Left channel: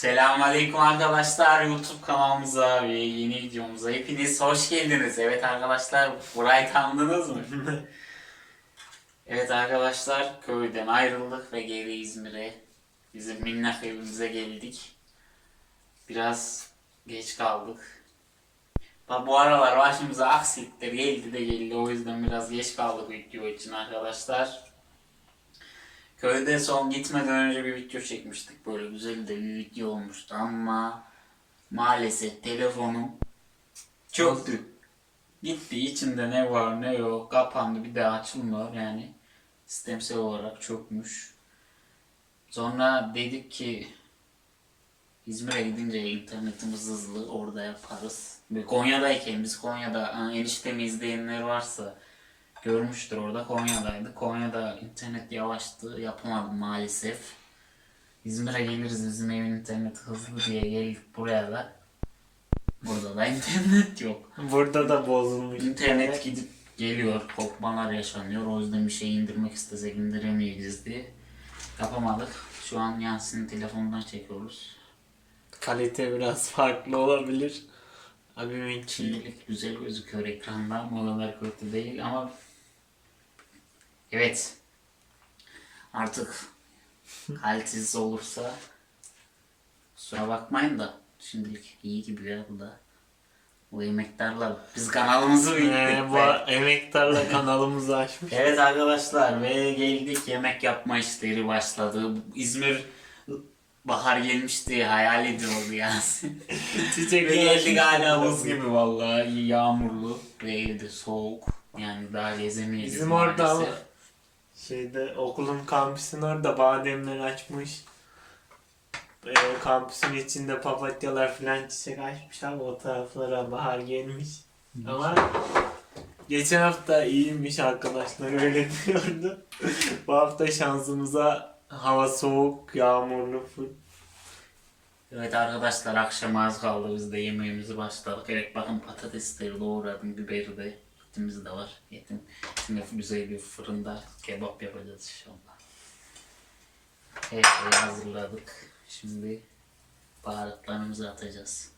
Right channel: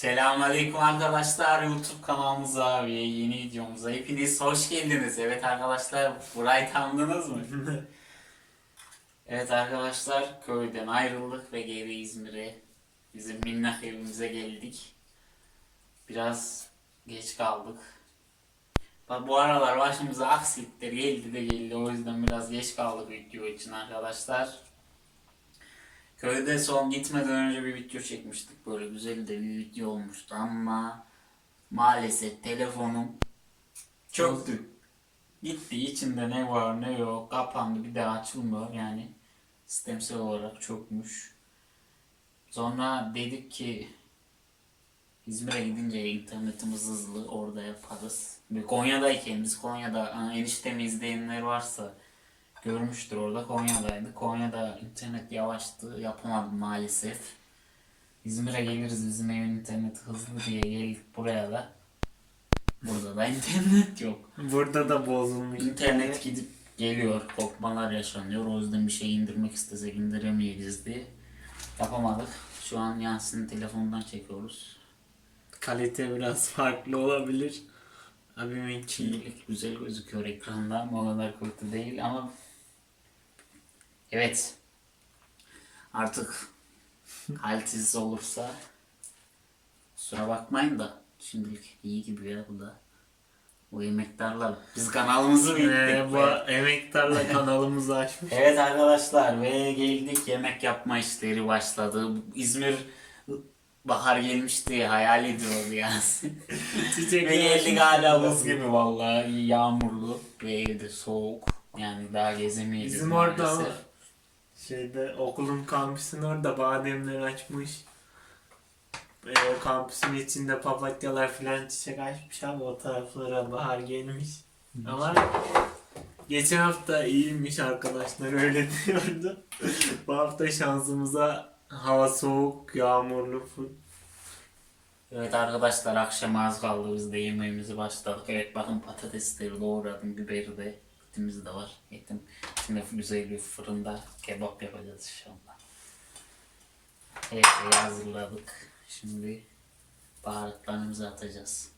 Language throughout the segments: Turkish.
Selamünaleyküm arkadaşlar YouTube kanalımıza ve yeni videomuza hepiniz hoş geldiniz. Evet arkadaşlar burayı tanıdınız mı? evet arkadaşlar köyden ayrıldık ve geri İzmir'e bizim minnak evimize geldik. Biraz geç kaldık. Ba- Bu aralar başımıza aksilikler geldi de geldi o yüzden biraz geç kaldık video için arkadaşlar. Köyde son gitmeden önce bir video çekmiştik. Böyle güzel de bir video olmuştu ama maalesef telefonum çöktü. Gitti içinde ne var ne yok kapandı bir daha açılmıyor yani sistemsel olarak çökmüş. Sonra dedik ki İzmir'e gidince internetimiz hızlı orada yaparız. Ve Konya'dayken biz Konya'da eniştemi izleyenler varsa görmüştür orada Konya'daydı. Konya'da internet yavaştı yapamadım maalesef. İzmir'e geliriz bizim evin interneti hızlı diye geldik buraya da. Burada da internet yok. Burada da bozulmuş. İnternet gidip geliyor, kopmalar yaşanıyor. O yüzden bir şey indirmek istesek indiremeyeceğiz diye yapamadık. Şu an Yasin'in telefonundan çekiyoruz. Kalite biraz farklı olabilir. Abimin için. Şimdilik güzel gözüküyor ekranda ama o kadar kötü değil ama evet artık kalitesiz olursa kusura bakmayın da şimdilik iyi gibi ya bu da bu emektarla biz kanalımızı büyüttük. Ee, bu emektarla kanalımızı açmış. Evet arkadaşlar ve geldik yemek yapma işleri başladı. İzmir bahar gelmişti hayal ediyordu. Çiçek Ve geldik hala buz gibi vallahi yağmurlu ve evde soğuk. Yani daha gezemeyiz Bizim orada. Şeyde okulun kampüsün orada bademler açmış. Ee, kampüsün içinde papatyalar filan çiçek açmış ama o taraflara bahar gelmiş. Ama geçen hafta iyiymiş arkadaşlar öyle diyordu. Bu hafta şansımıza hava soğuk, yağmurlu full. Evet arkadaşlar akşam az kaldı biz de yemeğimizi başladık. Evet bakın patatesleri doğradım, biberi de, etimiz de var. Etim şimdi güzel bir fırında kebap yapacağız inşallah. Her şeyi hazırladık. Şimdi baharatlarımızı atacağız.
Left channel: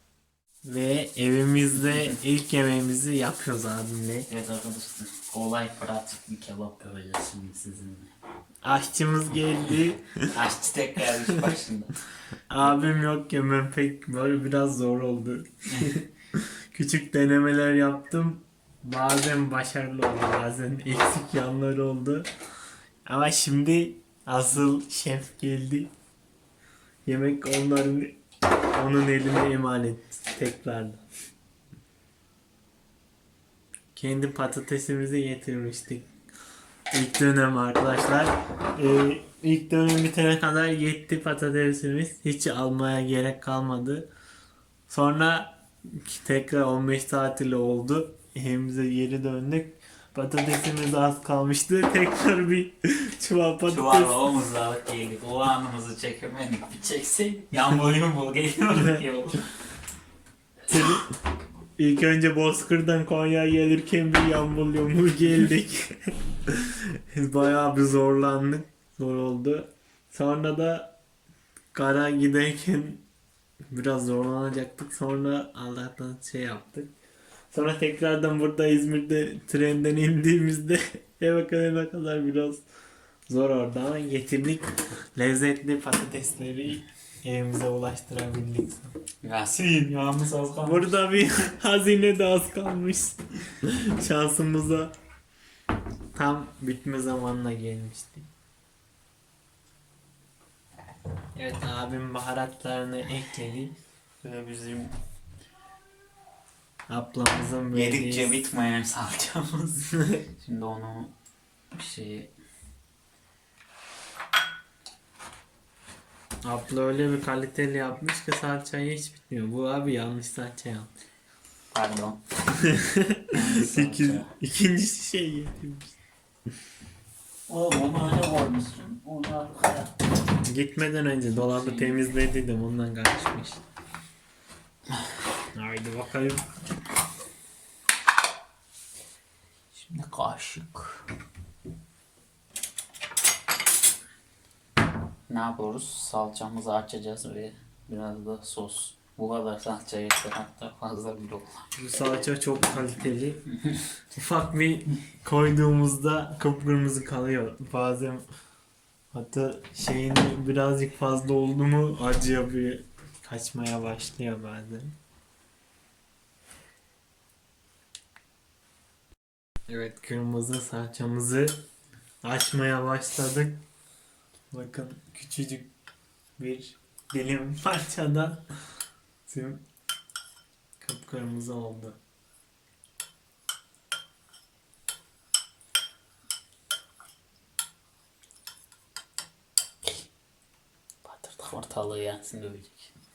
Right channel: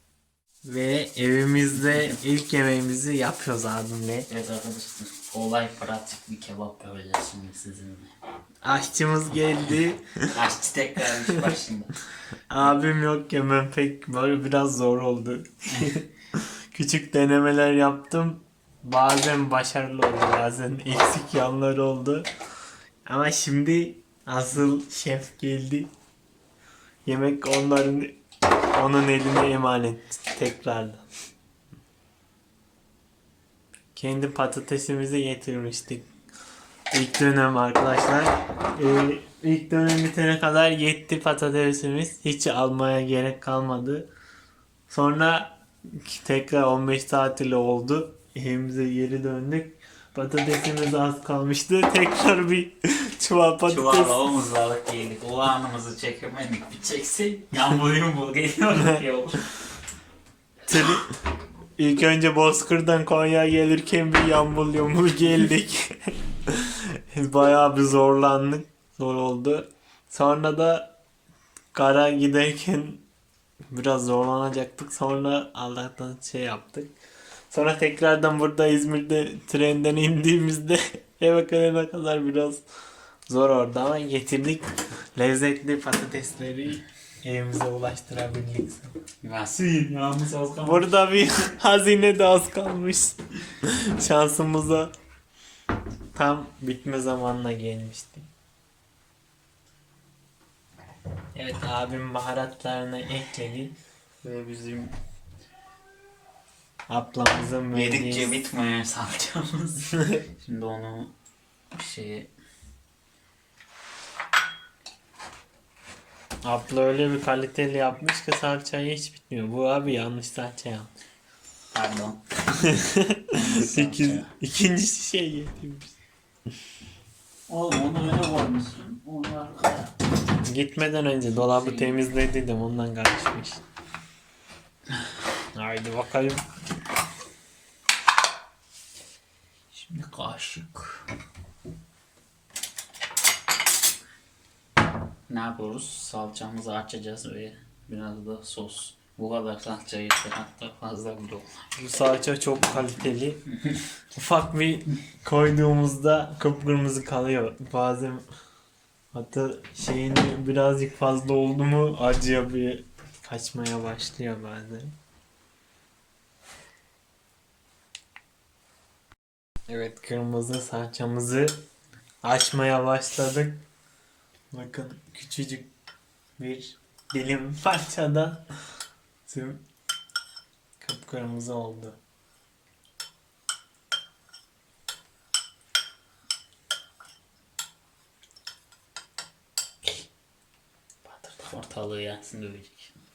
Ve evimizde ilk yemeğimizi yapıyoruz abimle. Evet arkadaşlar kolay pratik bir kebap yapacağız şimdi sizinle. Aşçımız geldi. Aşçı tekrar iş başında. Abim yok yemem pek böyle biraz zor oldu. Küçük denemeler yaptım. Bazen başarılı oldu bazen eksik yanları oldu. Ama şimdi asıl şef geldi. Yemek onların onun eline emanet tekrardan. Kendi patatesimizi getirmiştik. İlk dönem arkadaşlar. Ee, ilk dönem bitene kadar yetti patatesimiz. Hiç almaya gerek kalmadı. Sonra tekrar 15 saat ile oldu. Evimize geri döndük. Patatesimiz az kalmıştı. Tekrar bir çuval patates. Çuvarla omuzladık geldik. O anımızı çekemedik. Bir çeksek yağmur yumul geliyor yol. İlk önce Bozkır'dan Konya'ya gelirken bir yambul yumul geldik. Bayağı bir zorlandık. Zor oldu. Sonra da kara giderken biraz zorlanacaktık. Sonra Allah'tan şey yaptık. Sonra tekrardan burada İzmir'de trenden indiğimizde eve gelene kadar biraz zor oldu ama getirdik. Lezzetli patatesleri evimize ulaştırabildik. Yasin yağımız az kalmış. Burada bir hazine de az kalmış. Şansımıza tam bitme zamanına gelmişti. Evet abim baharatlarını ekledi ve bizim ablamızın Yedikçe verdiği bitmeyen salçamız. Şimdi onu bir şeye abla öyle bir kaliteli yapmış ki salçayı hiç bitmiyor. Bu abi yanlış salça yapmış. pardon. İki, ikincisi şey getirmiş. Oğlum öyle koymuşsun. Arkaya. Gitmeden önce dolabı temizlediydim ondan karışmış. Haydi bakayım. Şimdi kaşık. Ne yapıyoruz? Salçamızı açacağız öyle Biraz da sos. Bu kadar salça yeter hatta fazla bile olur. Bu salça çok kaliteli. Ufak bir koyduğumuzda kıpkırmızı kalıyor. Bazen hatta şeyini birazcık fazla oldu mu acıya bir kaçmaya başlıyor bazen. Evet kırmızı salçamızı açmaya başladık. Bakın küçücük bir dilim parçadan tüm kıpkırmızı oldu. Batırdık ortalığı yansın dövecek.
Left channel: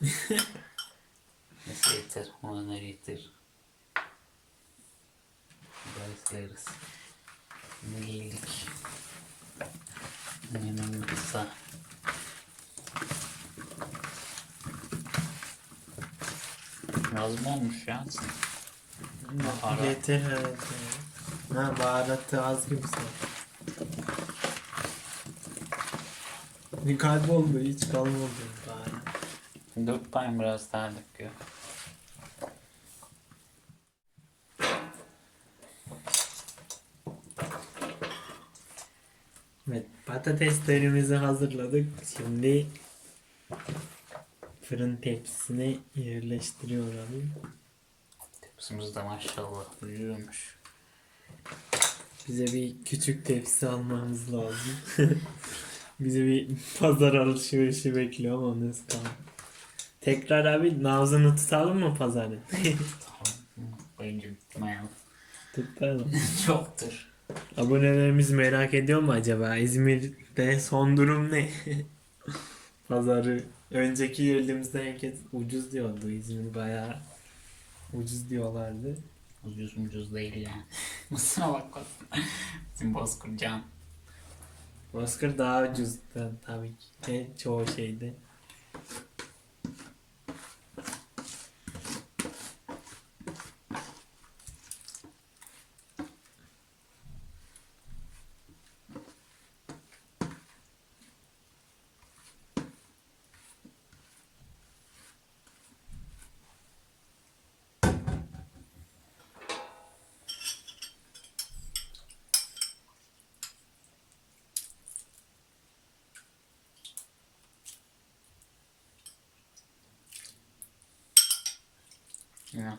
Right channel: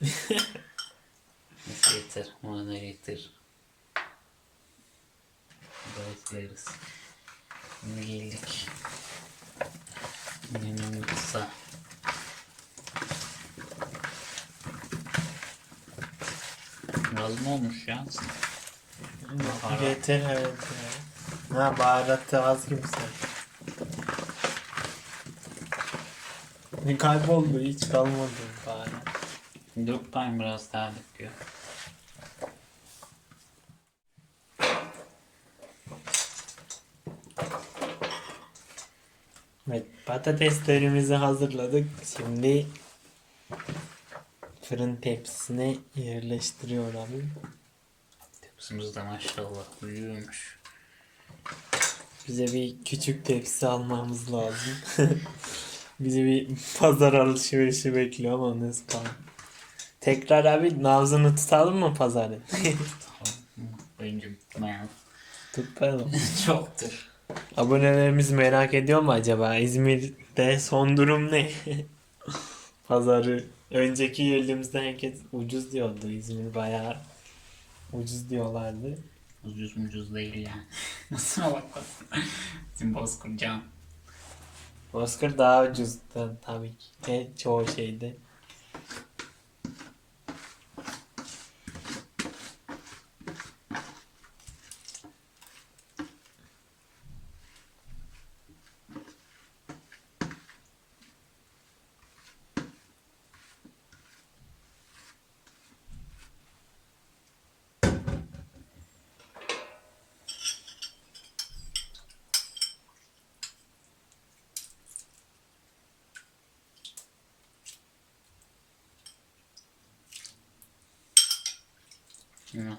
Neyse yeter. Ona yeter. Gayet yeriz. Şimdi geldik. Menüm kısa. Az mı olmuş ya? Baharat. Yeter evet ya. Ha baharatı az gibi sen. Kayboldu hiç kalmadı baharat. Dök bakayım biraz daha döküyor. Evet patateslerimizi hazırladık. Şimdi fırın tepsisine yerleştiriyor abi. Tepsimiz de maşallah büyüyormuş. Bize bir küçük tepsi almamız lazım. Bizi bir pazar alışverişi bekliyor ama nasıl kalın. Tekrar abi nabzını tutalım mı pazarın? Bence bitmeyen Tutalım. çoktur. Abonelerimiz merak ediyor mu acaba? İzmir'de son durum ne? Pazarı önceki yerlerimizde herkes ucuz diyordu. İzmir bayağı ucuz diyorlardı. Ucuz mucuz değil yani. Nasıl bak Bizim Bozkurcan. Bozkır daha ucuzdu tabii ki de çoğu şeyde.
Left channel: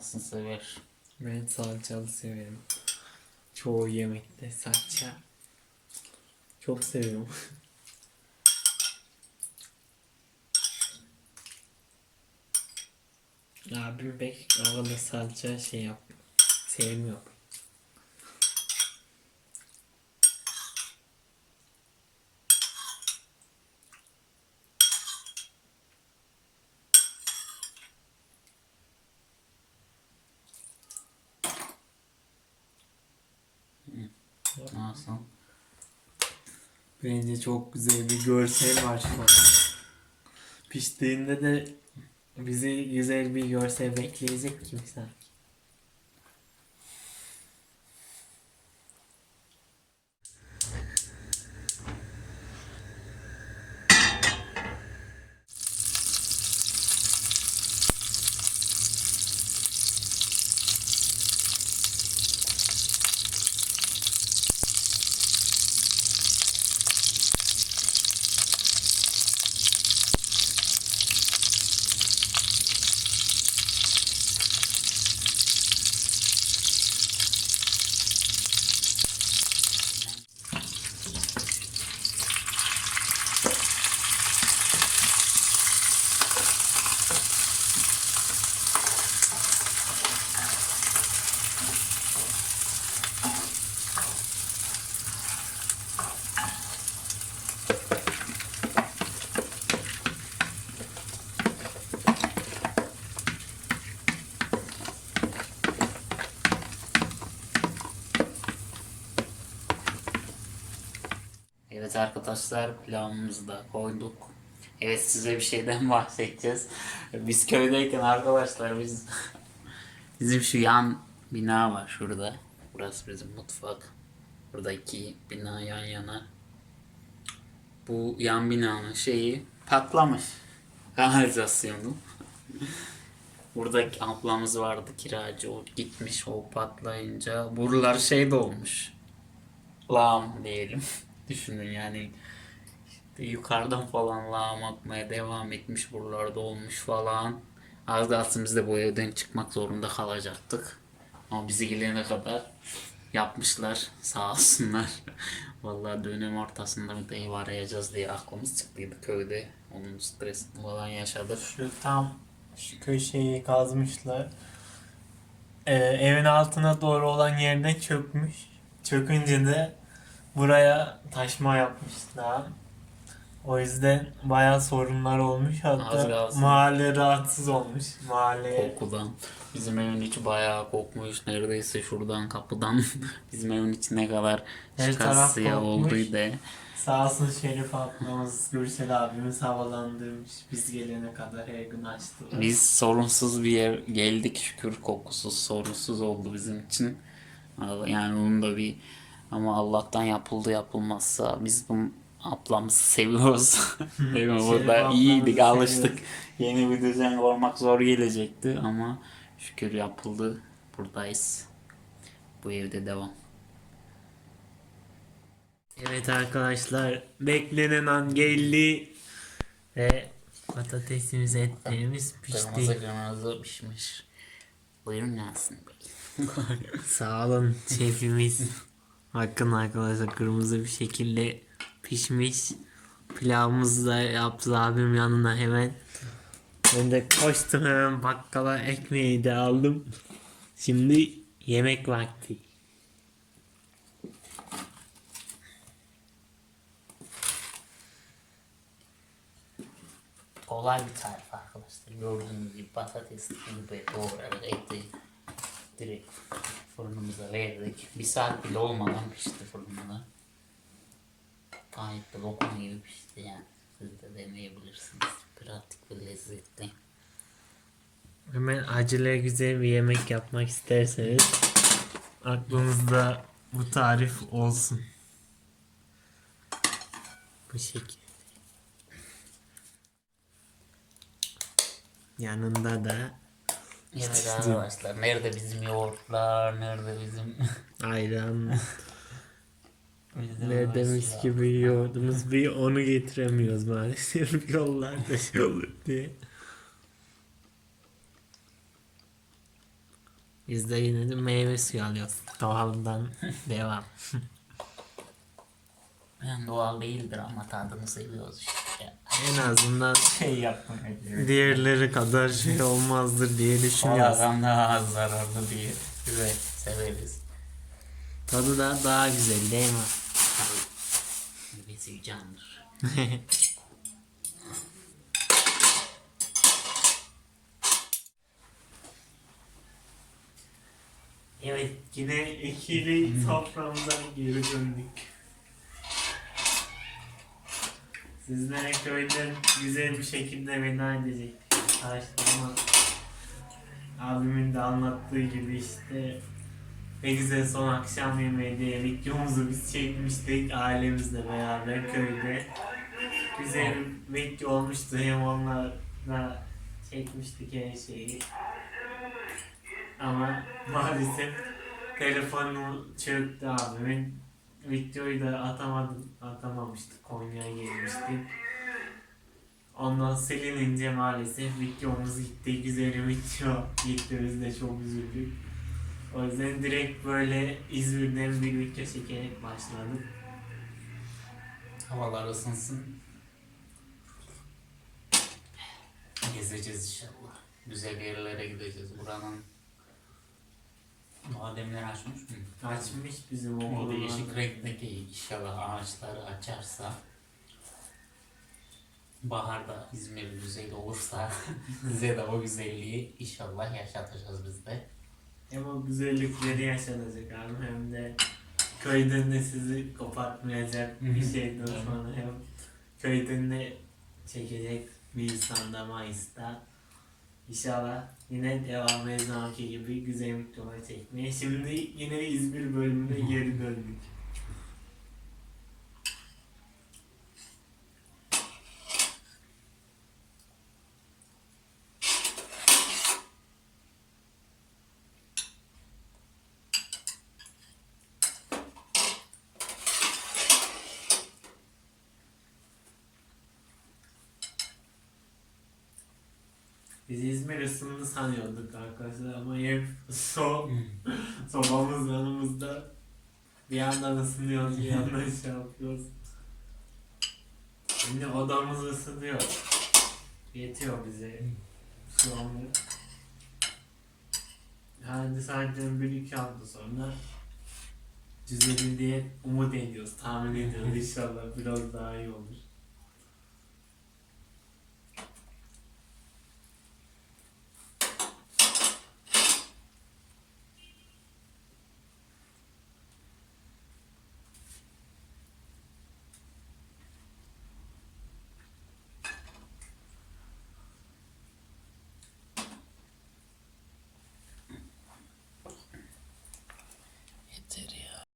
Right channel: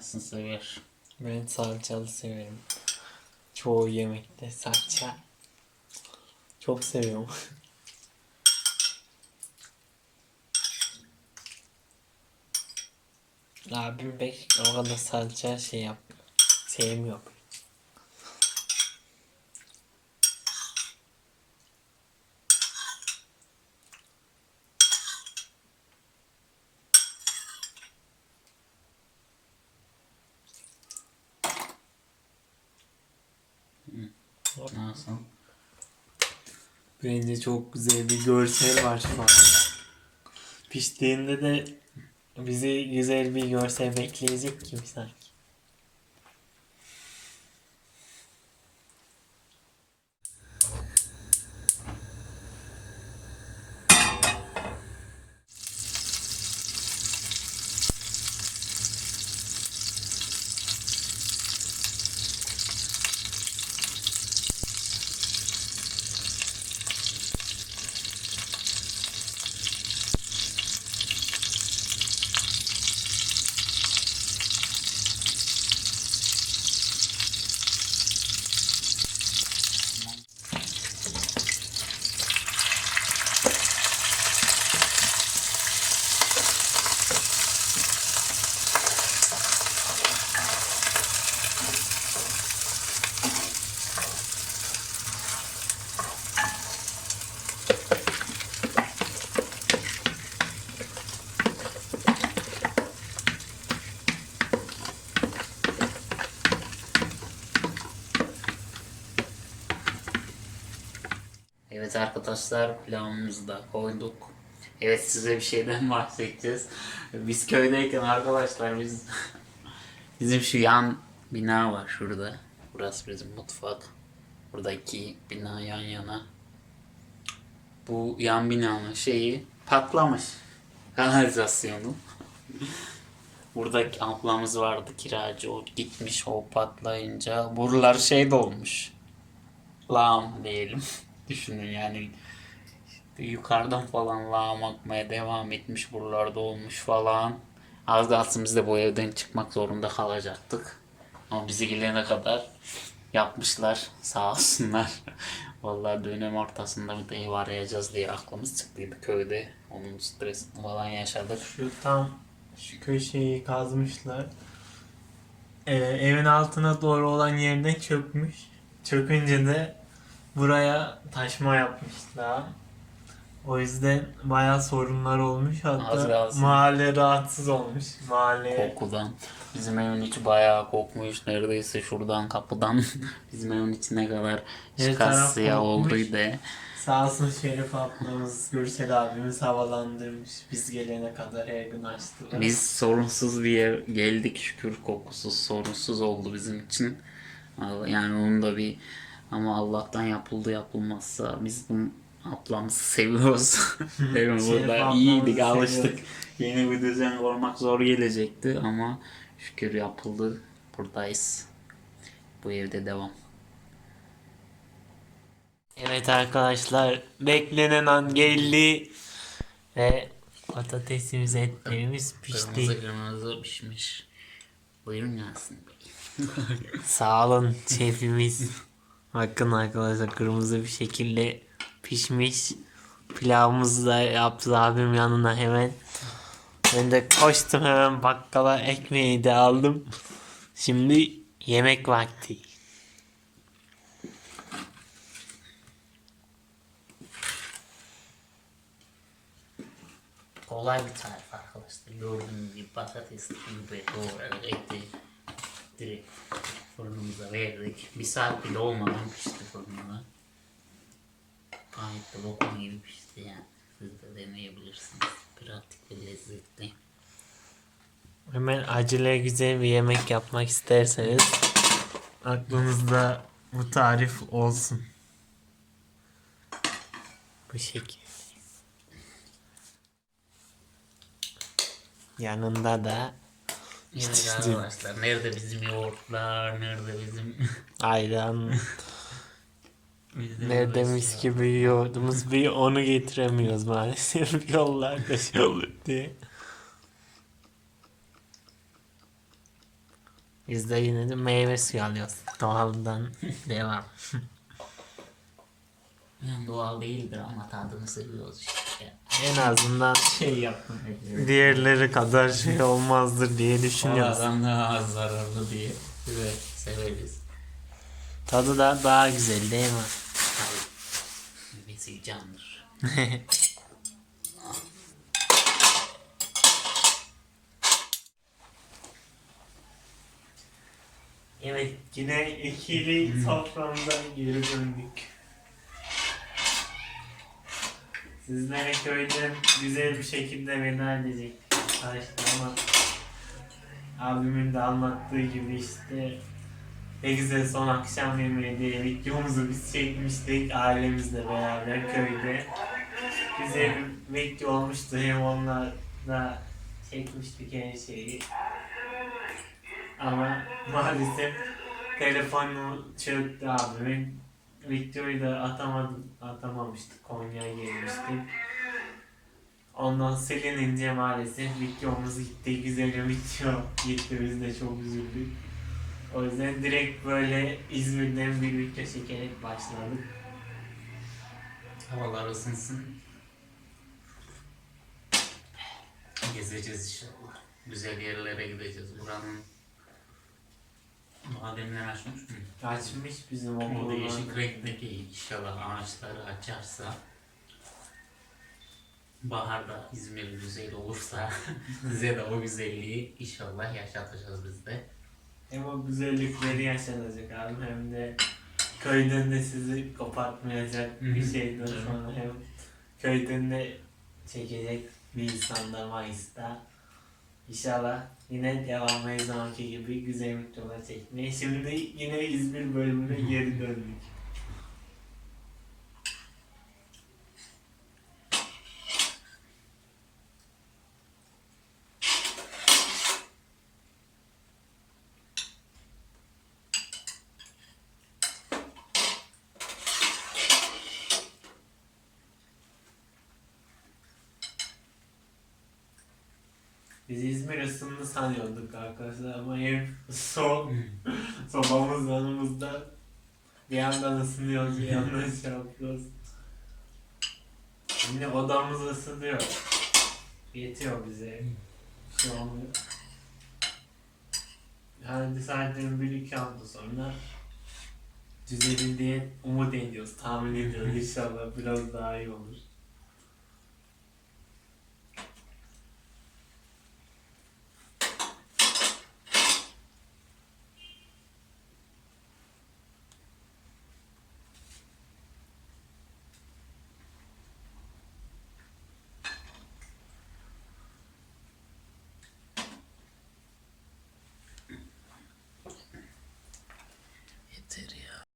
Nasıl sever. Ben salçalı severim. Çoğu yemekte salça. Çok seviyorum. Abim pek o kadar salça şey yap sevmiyor. Nasıl? Bence çok güzel bir görsel var şu an. Piştiğinde de bizi güzel bir görsel bekleyecek gibi sanki. Evet arkadaşlar pilavımızı da koyduk. Evet size bir şeyden bahsedeceğiz. Biz köydeyken arkadaşlar biz bizim şu yan bina var şurada. Burası bizim mutfak. Burada iki bina yan yana. Bu yan binanın şeyi patlamış. Kanalizasyonu. Burada ablamız vardı kiracı. O gitmiş o patlayınca. Buralar şey dolmuş. Lağım diyelim. Düşünün yani. Yukarıdan falan lağım akmaya devam etmiş. Buralarda olmuş falan. Az kalsın biz de bu evden çıkmak zorunda kalacaktık. Ama bizi gelene kadar yapmışlar. Sağ olsunlar. Vallahi dönem ortasında bir ev arayacağız diye aklımız çıktıydı köyde. Onun stresini falan yaşadık. Şu tam şu köşeyi kazmışlar. Ee, evin altına doğru olan yerden çökmüş. Çökünce de buraya taşma yapmışlar. O yüzden bayağı sorunlar olmuş. Az Hatta kalsın. mahalle rahatsız olmuş. Mahalle Kokudan. Bizim evin içi bayağı kokmuş. Neredeyse şuradan kapıdan bizim evin içi ne kadar Her taraf kokmuş. olduydu. sağ olsun Şerif ablamız, Gürsel abimiz havalandırmış. Biz gelene kadar her gün açtılar. Biz sorunsuz bir yer geldik şükür kokusuz sorunsuz oldu bizim için. Yani onun da bir ama Allah'tan yapıldı yapılmazsa biz bu ablamızı seviyoruz. Değil mi? Burada ablamızı iyiydik alıştık. seviyoruz. Yeni bir düzen kurmak zor gelecekti ama şükür yapıldı. Buradayız. Bu evde devam. Evet arkadaşlar beklenen an geldi ve patatesimiz etlerimiz pişti. Kırmızı kırmızı pişmiş. Buyurun Bey. Sağ olun şefimiz. Bakın arkadaşlar kırmızı bir şekilde pişmiş. Pilavımızı da yaptı abim yanına hemen. Ben de koştum hemen bakkala ekmeği de aldım. Şimdi yemek vakti. Kolay bir tarif arkadaşlar. Gördüğünüz gibi patates gibi doğradık eti direkt fırınımıza verdik. Bir saat bile olmadan pişti fırında. Gayet de lokum gibi pişti yani. Siz de deneyebilirsiniz. Pratik ve lezzetli. Hemen acele güzel bir yemek yapmak isterseniz aklınızda bu tarif olsun. Bu şekilde. Yanında da Yani arkadaşlar nerede bizim yoğurtlar, nerede bizim ayran, nerede mis gibi yoğurdumuz bir onu getiremiyoruz maalesef yollarda şey olur diye. Biz de yine de meyve suyu alıyoruz. Doğaldan devam. Yani doğal değildir ama tadını seviyoruz işte. En azından Şey yaptım. diğerleri kadar şey olmazdır diye düşünüyoruz. Sağlığa daha az zararlı diye. Güzel severiz. Tadı da daha güzel değil mi? Tabii. Meyvesi candır. Evet yine ikili soframıza geri döndük. Sizlere köyden güzel bir şekilde veda edecektik arkadaşlar ama abimin de anlattığı gibi işte ne güzel son akşam yemeği diye videomuzu biz çekmiştik ailemizle beraber köyde. Güzel bir video olmuştu hem onlarla çekmiştik her şeyi. Ama maalesef telefonu çöktü abimin. Videoyu da atamadım, atamamıştık. Konya'ya gelmiştik. Ondan silinince maalesef videomuz gitti. Güzel bir video gitti. Biz de çok üzüldük. O yüzden direkt böyle İzmir'den bir video çekerek başladık. Havalar ısınsın. Gezeceğiz inşallah. Güzel yerlere gideceğiz. Buranın bademler açmış mı? Açmış bizim O okulun değişik orada. renkteki inşallah ağaçları açarsa baharda İzmir güzel olursa bize de o güzelliği inşallah yaşatacağız biz de. Hem o güzellikleri yaşanacak abi hem de köyden de sizi kopartmayacak bir şeyden sonra hem köyden de çekecek bir insanda Mayıs'ta. İnşallah yine devam her zamanki gibi güzel videolar çekmeye. Şimdi yine İzmir bölümüne geri döndük. Biz İzmir ısındı sanıyorduk arkadaşlar ama ev soğuk. Sobamız yanımızda. Bir yandan ısınıyoruz, bir yandan şey yapıyoruz. Şimdi odamız ısınıyor. Yetiyor bize. Şu an yani sadece bir iki hafta sonra düzelir diye umut ediyoruz. Tahmin ediyoruz inşallah biraz daha iyi olur.